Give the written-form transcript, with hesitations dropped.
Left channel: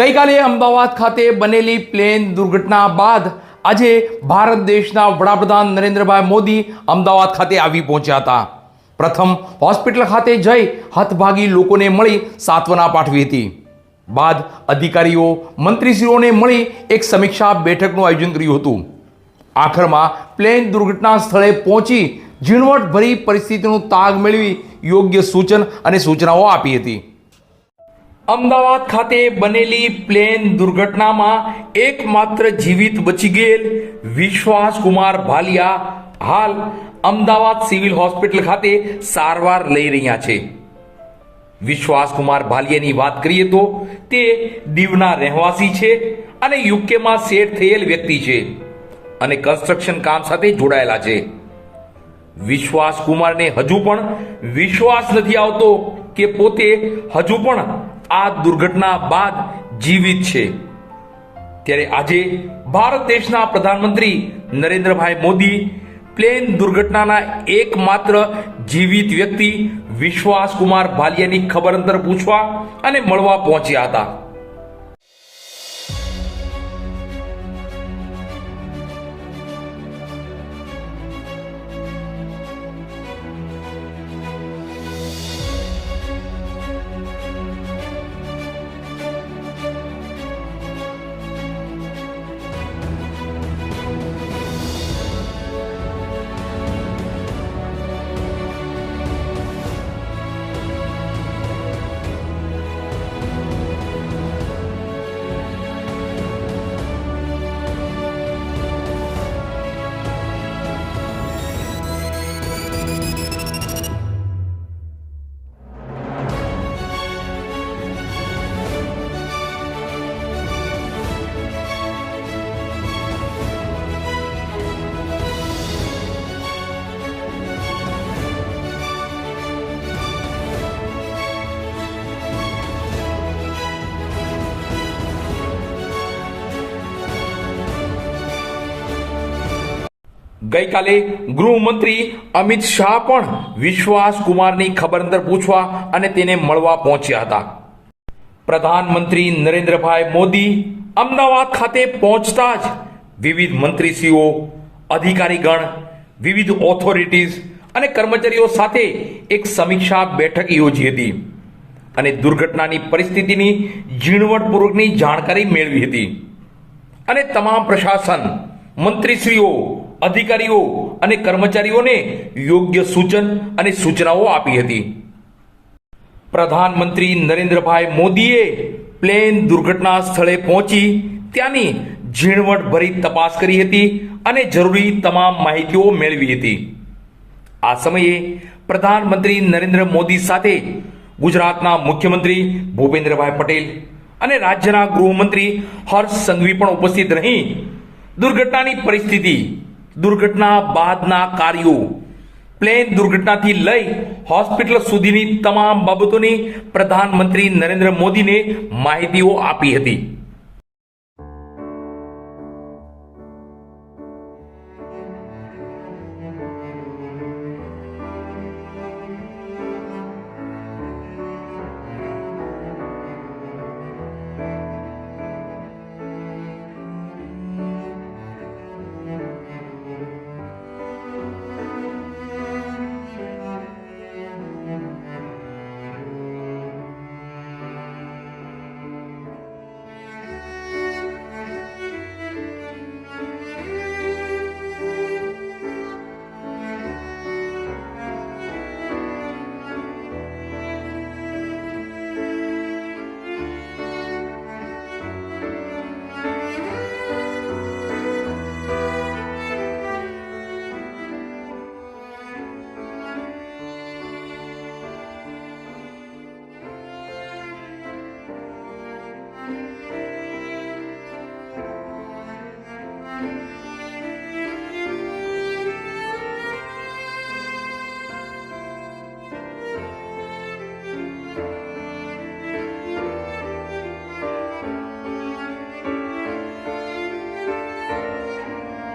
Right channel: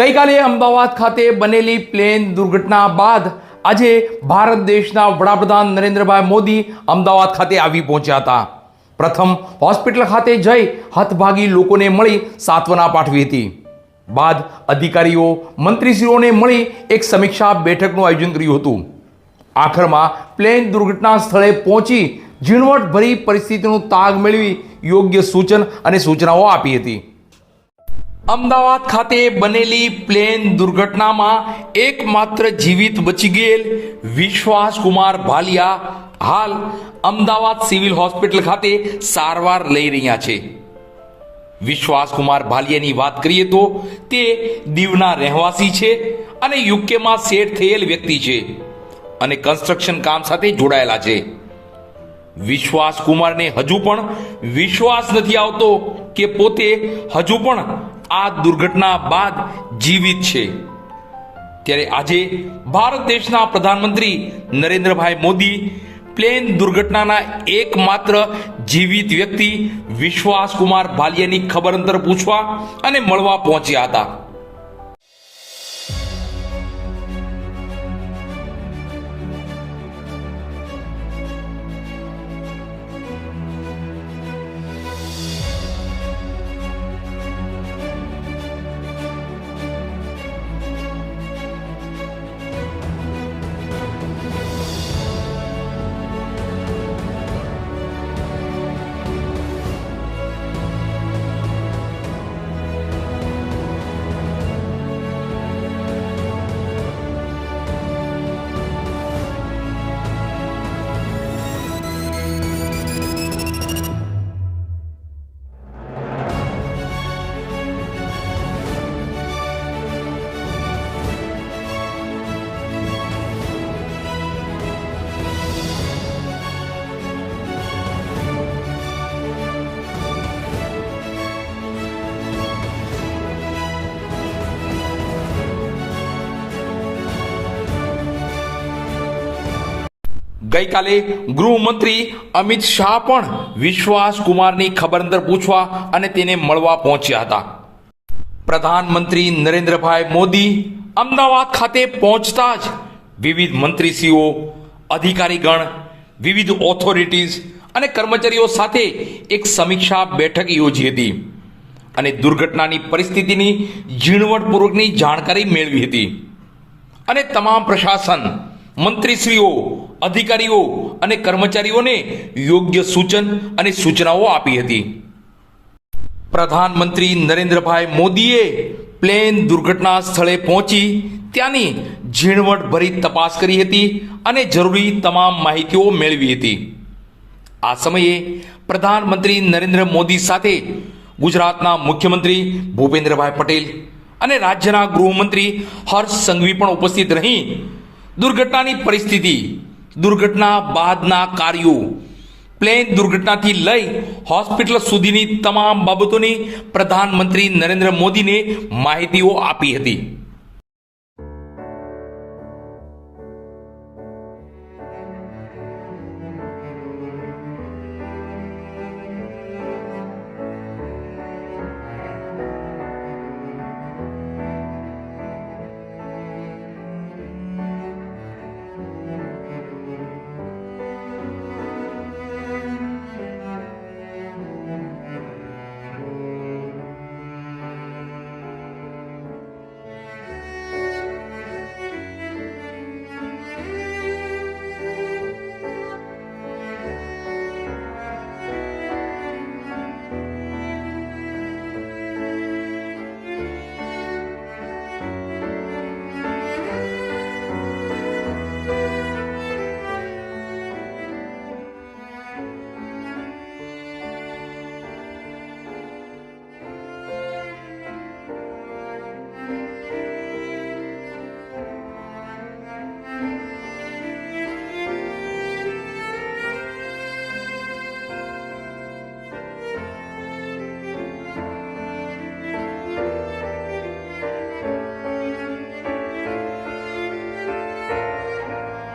ગઈકાલે અમદાવાદ ખાતે બનેલી પ્લેન દુર્ઘટના બાદ આજે ભારત દેશના વડાપ્રધાન નરેન્દ્રભાઈ મોદી અમદાવાદ ખાતે આવી પહોંચ્યા હતા. પ્રથમ હોસ્પિટલ ખાતે જઈ હતભાગી લોકોને મળી સાંત્વના પાઠવી હતી. બાદ અધિકારીઓ મંત્રીશ્રીઓને મળી એક સમીક્ષા બેઠકનું આયોજન કર્યું હતું. આખરમાં પ્લેન દુર્ઘટના સ્થળે પહોંચી ઝીણવટભરી પરિસ્થિતિનો તાગ મેળવી યોગ્ય સૂચન અને સૂચનાઓ આપી હતી. અમદાવાદ ખાતે બનેલી પ્લેન દુર્ઘટનામાં એકમાત્ર જીવિત બચી ગયેલ વિશ્વાસ કુમાર ભાલિયા હાલ અમદાવાદ સિવિલ હોસ્પિટલ ખાતે સારવાર લઈ રહ્યા છે. વિશ્વાસ કુમાર ભાલિયાની વાત કરીએ તો તે દીવના રહેવાસી છે અને યુકેમાં સેટ થયેલ વ્યક્તિ છે અને કન્સ્ટ્રક્શન કામ સાથે જોડાયેલા છે. વિશ્વાસ કુમારને હજુ પણ વિશ્વાસ નથી આવતો કે પોતે હજુ પણ આ દુર્ઘટના બાદ જીવિત છે. ત્યારે આજે ભારત દેશના પ્રધાનમંત્રી નરેન્દ્રભાઈ મોદી પ્લેન દુર્ઘટનાના એકમાત્ર જીવિત વ્યક્તિ વિશ્વાસ કુમાર ભાલિયાની ખબર અંતર પૂછવા અને મળવા પહોંચ્યા હતા. ગઈકાલે ગૃહમંત્રી અમિત શાહ પણ વિશ્વાસ કુમારની ખબર અંતર પૂછવા અને તેને મળવા પહોંચ્યા હતા. પ્રધાનમંત્રી નરેન્દ્રભાઈ મોદી અમદાવાદ ખાતે પહોંચતા જ વિવિધ મંત્રીશ્રીઓ, અધિકારીગણ, વિવિધ ઓથોરિટીઝ અને કર્મચારીઓ સાથે એક સમીક્ષા બેઠક યોજી હતી અને દુર્ઘટનાની પરિસ્થિતિની ઝીણવટપૂર્વકની જાણકારી મેળવી હતી અને તમામ પ્રશાસન, મંત્રીશ્રીઓ, અધિકારીઓ અને કર્મચારીઓને યોગ્ય સૂચન અને સૂચનાઓ આપી હતી. પ્રધાનમંત્રી નરેન્દ્રભાઈ મોદીએ પ્લેન દુર્ઘટના સ્થળે પહોંચી ત્યાંની ઝીણવટભરી તપાસ કરી હતી અને જરૂરી તમામ માહિતીઓ મેળવી હતી. આ સમયે પ્રધાનમંત્રી નરેન્દ્ર મોદી સાથે ગુજરાતના મુખ્યમંત્રી ભૂપેન્દ્રભાઈ પટેલ અને રાજ્યના ગૃહમંત્રી હર્ષ સંઘવી પણ ઉપસ્થિત રહી દુર્ઘટનાની પરિસ્થિતિ, દુર્ઘટના બાદના કાર્યો, પ્લેન દુર્ઘટનાથી લઈ હોસ્પિટલ સુધીની તમામ બાબતોની પ્રધાનમંત્રી નરેન્દ્ર મોદીને માહિતીઓ આપી હતી.